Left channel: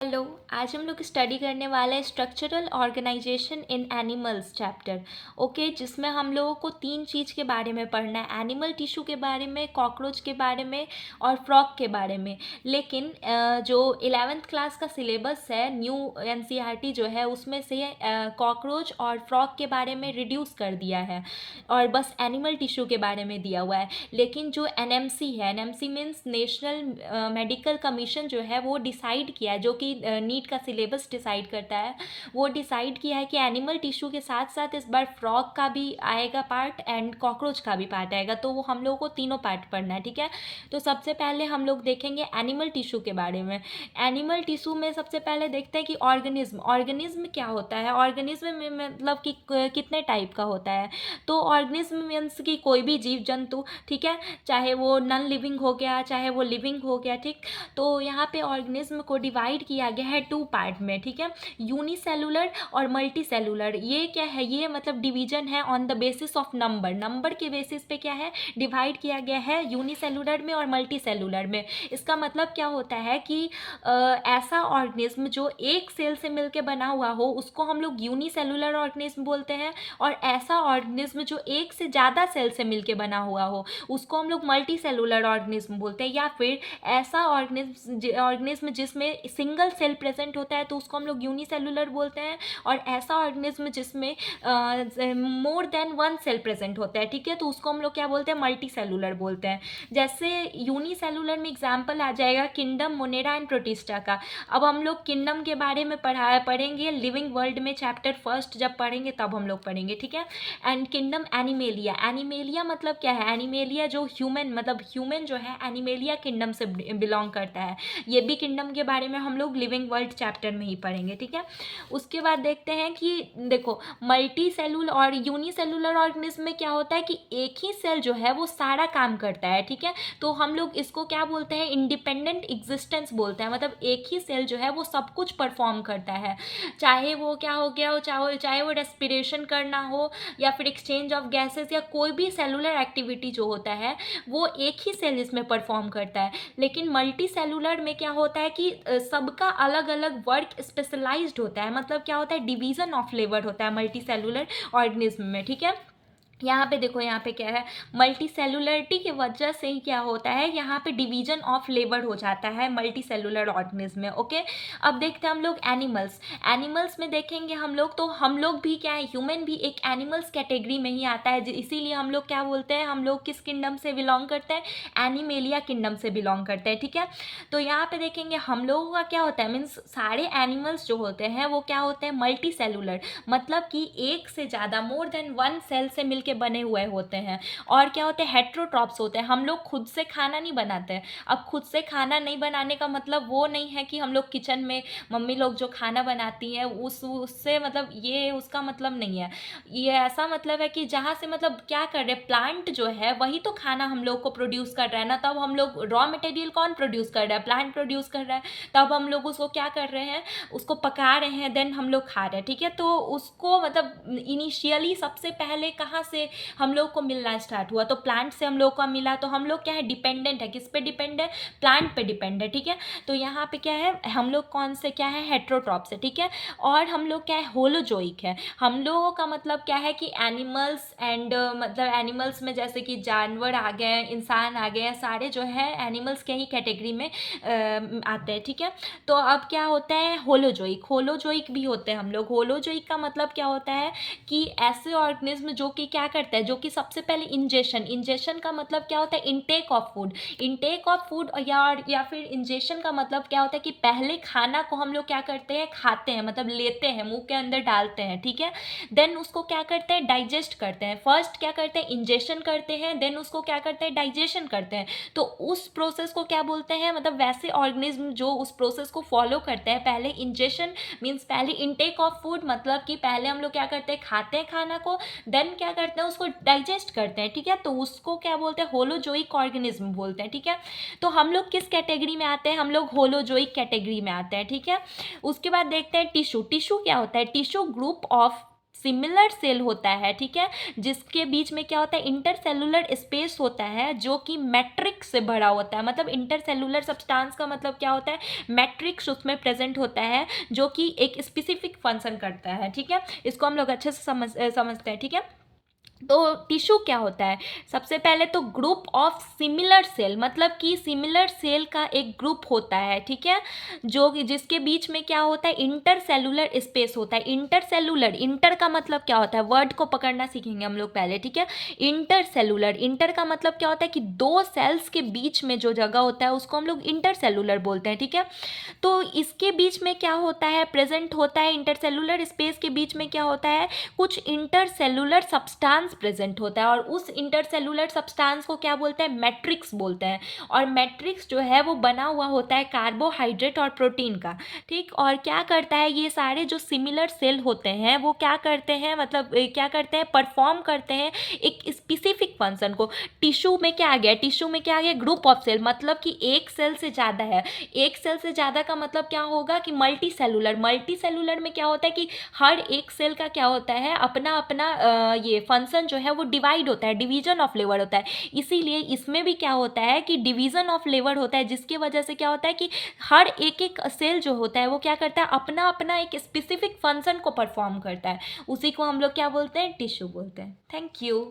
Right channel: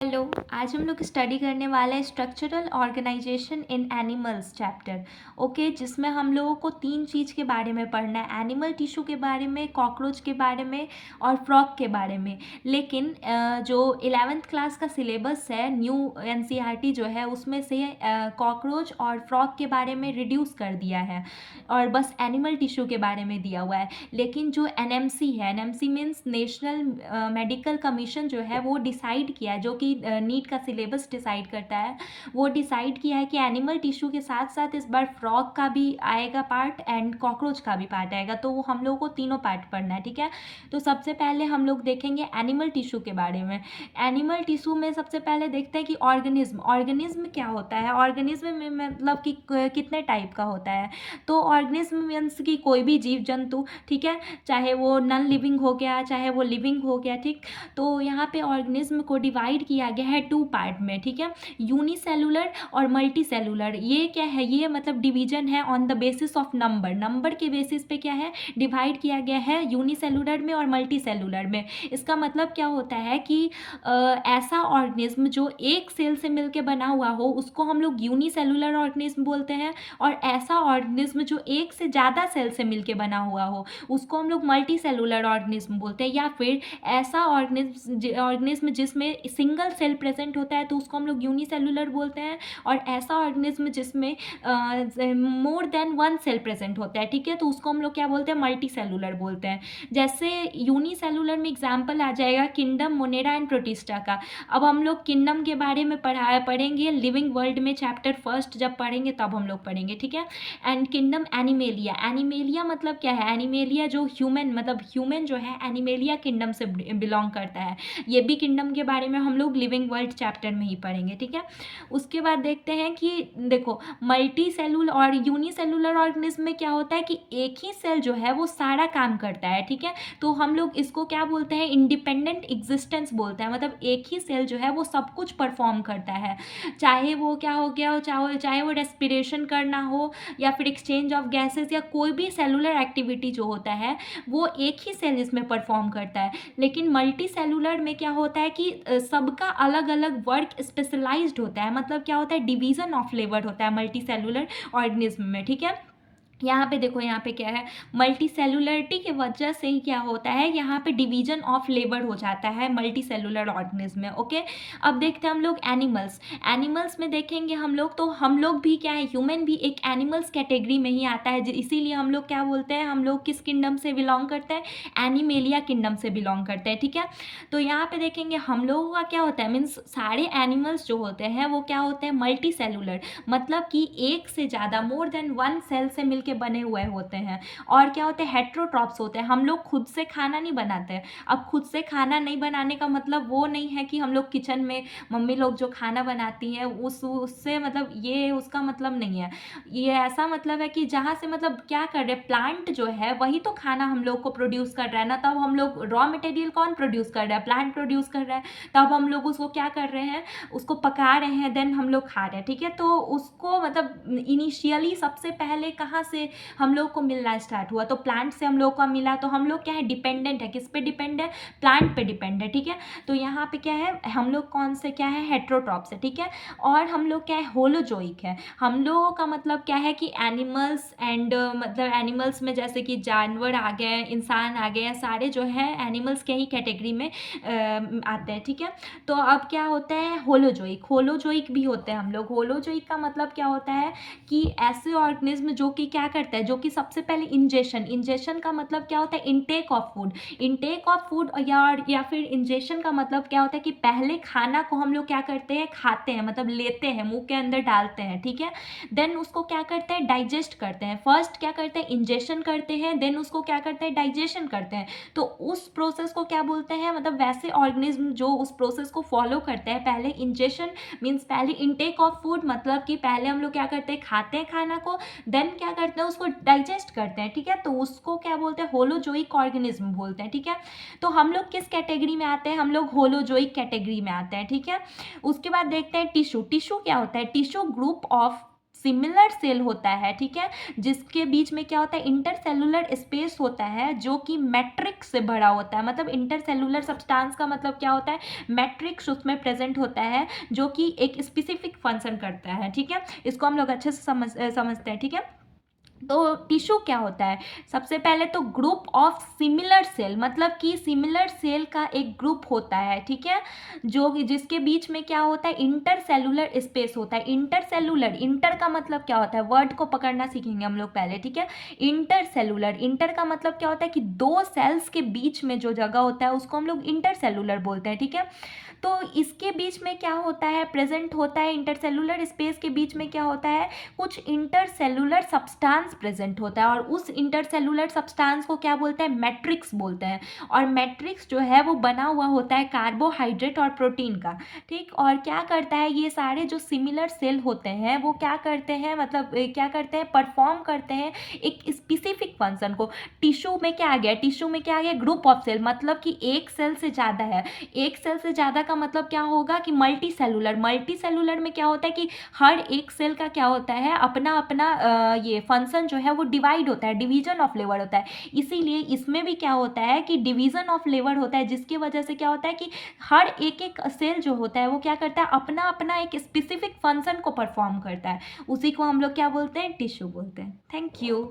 Hello. आज हम लोग स्टडी करने वाले हैं स्ट्रक्चरल ऑर्गेनाइजेशन इन एनिमल्स चैप्टर। ओके, जिसमें हम लोगों को तीन चीज़ के बारे में पढ़ना है, एनिमल टिश्यू के बारे में, कॉकरोच के बारे में और फ्रॉग के बारे में। लेकिन जो 11th क्लास का सिलेबस है, न्यू एनसीईआरटी जो है, उसमें से कॉकरोच और फ्रॉग के बारे में रिड्यूस कर दिया है और बस एनिमल टिश्यू के बारे में दिया हुआ है। लेकिन जो एनएमसी है, NMC means national medical commission जो है, वो डिसाइड किया है, जो कि नीट का सिलेबस डिसाइड करता है, वो डिसाइड किया है कि एनिमल टिश्यू के साथ साथ इस बार फ्रॉग का भी आएगा पार्ट एंड कॉकरोच का भी पार्ट आएगा। तो वो हम लोगों को तीनों पार्ट पढ़ना है, ठीक है। तो सबसे पहले हम लोग देखेंगे एनिमल टिश्यू के बारे में। एनिमल टिश्यू में सबसे पहले देखते हैं कि ऑर्गेनिज्म क्या होता है। ऑर्गेनिज्म में मतलब कि कितने टाइप का होता है। तो ऑर्गेनिज्म मीन्स कि कोई भी जीव जंतु, ठीक है, चाहे वो नॉन लिविंग हो गया, चाहे वो लिविंग हो गया, ठीक। तो यहाँ पे ऑर्गेनिज्म को डिवाइड किया गया है टू पार्ट में, ठीक है, यूनिसेलुलर और मल्टी सेलुलर। ये क्या है, ये मतलब डिवीजन है on the basis of number के बेसिस पे क्या है, डिवाइड किया गया है यूनिसेलुलर में और मल्टी सेलुलर में। इसका मतलब क्या होता है कि ऐसा ऑर्गेनिज्म जो एक सेल से मिलकर बना हुआ हो, उसको हम लोग यूनिसेलुलर ऑर्गेनिज्म बोलते हैं। और ऐसा ऑर्गेनिज्म जो एक से ज़्यादा सेल से मिलकर बना हुआ हो, उसको हम लोग मल्टी सेलुलर ऑर्गेनिज्म बोलते हैं। या फिर ऐसा ऑर्गेनिज्म जिसमें सिंगल सेल प्रेजेंट होता है, तो उसको हम लोग यूनिसेलुलर बोलते हैं। और ऐसा ऑर्गेनिज्म जिसमें more than one cell present होता है, ठीक है, तो उसको हम लोग क्या बोलते हैं, मल्टी सेलुलर बोलते हैं। जैसे यूनिसेलुलर में एग्जाम्पल आ जाएगा किंगडम, मोनेरा एंड प्रोटिस्टा का। अब हम लोग किंगडम के बारे में पढ़ेंगे लिविंग वर्ल्ड में, चैप्टर फर्स्ट जब पढ़ेंगे तब हम लोग पढ़ेंगे, ठीक है। एंड किंगडम एनिमेलिया मतलब क्या है, एनिमेलिया जो ह्यूमन मतलब ह्यूमन जो है, एनिमेलिया किंगडम से बिलोंग करता है। ये भी किंगडम के बारे में हम लोग लिविंग वर्ल्ड चैप्टर में ही पढ़ेंगे, ठीक है। उसके बाद देखते हैं कि देखो, मल्टी सेलुलर और यूनिसेलुलर ऑर्गेनिज्म में क्या होता है कि एक ही सेल जो है वो सारा काम करता है, ठीक है। तो हम लोग इसको क्या बोलते हैं, इंडिपेंडेंट एग्जिस्टेंस बोलते हैं। मतलब एक ही सेल जो है वो सब कुछ परफॉर्म करता है, चाहे वो क्या हो गया हो, चाहे वो रेस्पिरेशन करना हो, या फिर एक्सचेंज ऑफ गैसेस, या कोई भी सेलुलर एक्टिविटी जो होता है वो एक ही सेल इसमें परफॉर्म करता है। लेकिन मल्टी सेलुलर में क्या होता है कि सबका अलग अलग वर्क स्पेशलाइज्ड होता है। मतलब क्या होता है, डिवीजन ऑफ लेबर होता है मल्टी सेलुलर ऑर्गेनिज्म में, ठीक है। यहाँ पे देखो, यहाँ पे क्या है, मल्टी सेलुलरिटी की वजह से ही क्या होता है, यहाँ पे डिवीजन ऑफ लेबर हो जाता है मल्टी सेलुलर ऑर्गेनिज्म में, ओके। अब देखते हैं हम लोग एनिमल्स में देखेंगे हम लोग, तो हम लोग भी क्या है, ह्यूमन भी एक एनिमल्स कैटेगरी में ही आता है। इसीलिए हम लोग क्या बोलते हैं, हम लोग किस किंगडम से बिलोंग करते हैं, एनिमेलिया किंगडम से बिलोंग करते हैं, ठीक है। तो यहाँ पे देखेंगे हम लोगों का क्या होता है, मीन्स सारे एनिमल्स जो होते हैं वो क्या होते हैं, मल्टी सेलुलर। मतलब कि एक से ज़्यादा, मोर देन वन सेल से मिलकर बने हुए होते हैं। और क्या होते हैं, हेट्रोट्रॉप्स होते हैं। हम लोग खुद से खाना नहीं बनाते हैं। अब खुद से खाना नहीं बनाने का मतलब वो नहीं है कि हम लोग किचन में मम्मी लोग जो खाना बनाती हैं उससे मतलब ये उसका मतलब नहीं है। ये ऐसा मतलब है कि जहाँ से मतलब क्या कर रहे हैं, प्लांट जो है वही तो खाना हम लोग को प्रोड्यूस कर रहा है ना। तब हम लोग रॉ मटेरियल कौन प्रोड्यूस कर रहा है, प्लांट प्रोड्यूस कर रहा है। तब हम लोग उसको क्या कर रहे हैं, उसको पका रहे हैं, देन हम लोग खा रहे हैं, ठीक है। तो उसको मतलब इनिशियली सबसे पहले कहाँ से हम लोग को मिलना स्टार्ट हुआ, तो प्लांट से हम लोग को मिला। तो हम लोग क्या है, डिपेंडेंट है, किस पे डिपेंड है, प्लांट पे डिपेंड है, ठीक है। तो यहाँ पे क्या है, हम लोग कौन से क्या है, हेट्रोट्रॉप्स है, ठीक है। और हम लोग क्या है, होलोजोइक है। हम लोगों का मतलब क्या है कि एनिमल्स एंड मतलब एनिमल्स में जैसे कि जानवर आ गए, इंसान आ गए, सारे जो है एनिमल्स के ही कैटेगरी में आते हैं, ठीक है। तो अब क्या होता है, होलोजोइक भी होते हैं हम लोग। होलोजोइक का मतलब क्या होता है कि ऐसे ऑर्गेनिज्म जो कि क्या करता है, जो कि सबसे पहले इंजेशन का मतलब क्या होता है, इनटेक ऑफ फूड। या फिर इंजेशन का मतलब क्या होता है कि पहले खाना को हम लोग क्या करते हैं, खाते हैं, मतलब लेते हैं, मुंह के अंदर डालते हैं, ठीक है। देन उसको क्या करते हैं, डाइजेस्ट करते हैं। फर्स्ट क्या करते हैं, इंजेशन करते हैं, देन उसको क्या करते हैं, डाइजेशन करते हैं। तो उस प्रोसेस को क्या बोलते हैं, मतलब वैसे ऑर्गेनिज्म जो उस प्रोसेस को फॉलो करते हैं, पहले इंजेशन मीन्स पहले इनटेक ऑफ फूड, मतलब कि पहले हम लोग क्या करते हैं, खाते हैं खाना को, देन क्या करते हैं, उसको डाइजेस्ट करते हैं, ठीक है। तो उसको क्या बोलते हैं, होलोजोइक ऑर्गेनिज्म बोलते हैं, ठीक है। तो हम लोग किस कैटेगरी में आते हैं, हम लोग होलोजोइक कैटेगरी में आते हैं, ठीक है। उसके बाद देखते हैं टिश्यू क्या होता है, tissue group of similar cell होता है, ठीक है, जिसके बीच में क्या होता है, इंटरसेलुलर स्पेस होता है जो कि मैट्रिक्स से भरा होता है। मतलब इंटरसेलुलर सब्सटेंस का मतलब क्या होता है, मैट्रिक्स उसमें प्रेजेंट होता है जो कि एक स्पेसिफिक फंक्शन करता है, ठीक है। इसको हम लोग अच्छे से समझते हैं, ठीक है। तो टिश्यू क्या होता है, सबसे पहले तो ग्रुप ऑफ सिमिलर सेल, मतलब कि सिमिलर सेल का एक ग्रुप होता है, ठीक है, जो जिसके बीच में क्या होता है, इंटरसेलुलर स्पेस होता है। इंटरसेलुलर, इंटर का मतलब क्या होता है, वर्ड को पकड़ना सीखेंगे हम लोग पहले, ठीक है। इंटरसेलुलर, इंटर का मतलब क्या होता है कि दो सेल्स के बीच में जो जगह होता है उसको हम लोग इंटरसेलुलर बोलते हैं, ठीक है। तो इसके बीच में क्या होता है, प्रेजेंट होता है, इंटरसेलुलर स्पेस के बीच में क्या होता है, कुछ इंटरसेलुलर सब्सटेंस प्रेजेंट होता है, और उस इंटरसेलुलर सब्सटेंस को क्या बोलते हैं, मैट्रिक्स बोलते हैं। और मैट्रिक्स जो है वो बना हुआ होता है कार्बोहाइड्रेट और प्रोटीन का, ठीक। और क्या करता है, ये सारे जो सिमिलर सेल होते हैं वो क्या करते हैं, मतलब क्या करते हैं, परफॉर्म करते हैं एक स्पेसिफिक फंक्शन को। टिश्यू में क्या आ गया, टिश्यू में क्या आ गया, ग्रुप ऑफ सेल, मतलब कि एक सेल से ज़्यादा है। एक सेल से ज़्यादा का मतलब क्या होगा कि मल्टी सेलुलर, मल्टी सेलुलर में क्या होता है कि हर एक सेल का क्या होता है, अपना अपना ये फंक्शन जो है वो डिवाइड होता है, डिवीजन ऑफ लेबर होता है। इसीलिए इसमें भी क्या होता है कि डिवीजन ऑफ लेबर होता है, जिसकी वजह से क्या होता है कि हर एक एक सेल जो होता है वो क्या करता है, अपना अपना एक स्पेसिफिक फंक्शन को परफॉर्म करता है। उसी को हम लोग क्या बोलते हैं, टिश्यू बोलते हैं। Thank you.